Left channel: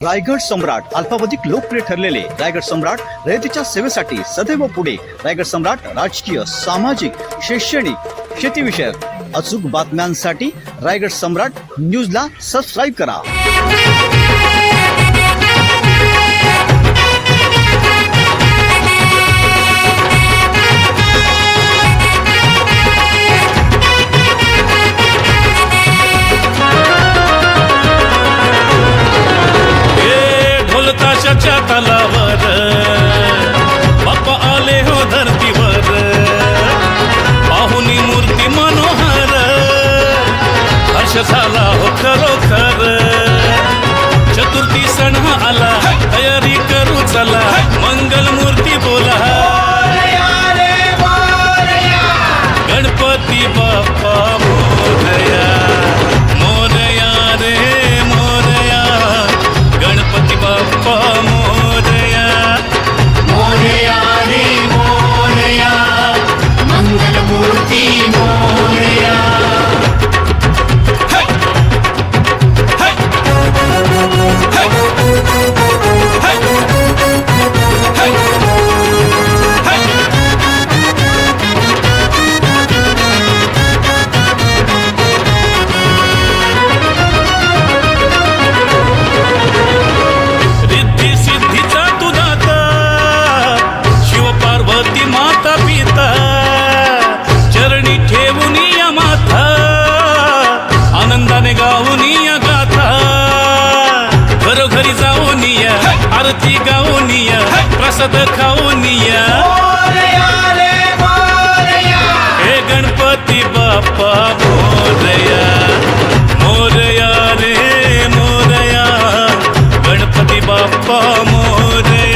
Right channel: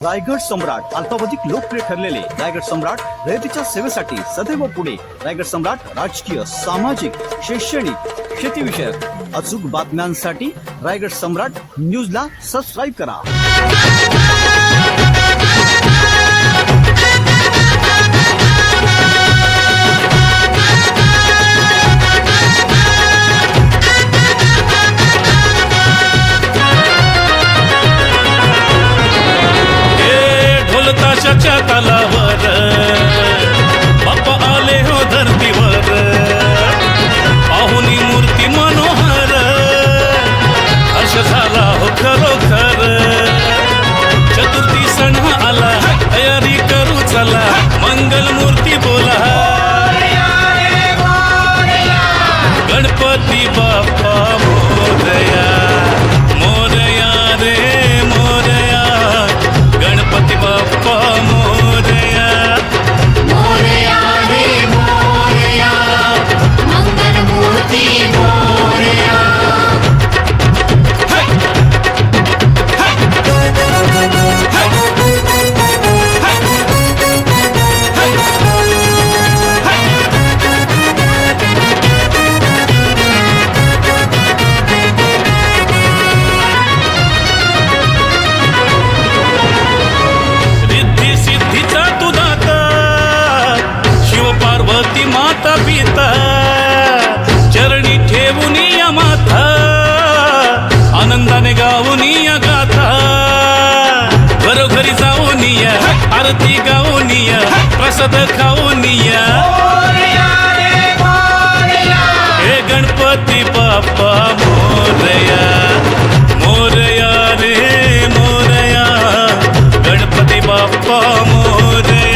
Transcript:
रायगड सम्राट अल्पावधिक लोकप्रिय ठरलेले रायगड सम्राट रयतेच्या सेवेसाठी सदैव पुढे. रायगड सम्राट राजकीय, सामाजिक, शैक्षणिक, शेतीविषयक अचूक बातम्यांसाठी रायगड सम्राट न्यूजला सबस्क्राईब करा. ताशाच्या तालावर बाप्पा आले हो धरतीवर, पाहुनी मूर्ती मनोहर, हर्ष झाला हो खरोखर. चतुर्थी सण आला, तयारी करू चला, मंगल मूर्ती बोला, गणपती बाप्पा मोरया, मोरया रे मोरया, गणपती बाप्पा मोरया, मोरया रे मोरया, मंगल मूर्ती मोरया. पार्वती माता पिता चरणी ठेवून या माथा, आनंदाने गाऊन या गाथा, घरोघरी जाऊन या, आरती गाऊन या, प्रसाद खाऊन या. हे गणपती बाप्पा मोरया, मोरया रे मोरया, गणपती बाप्पा मोरया.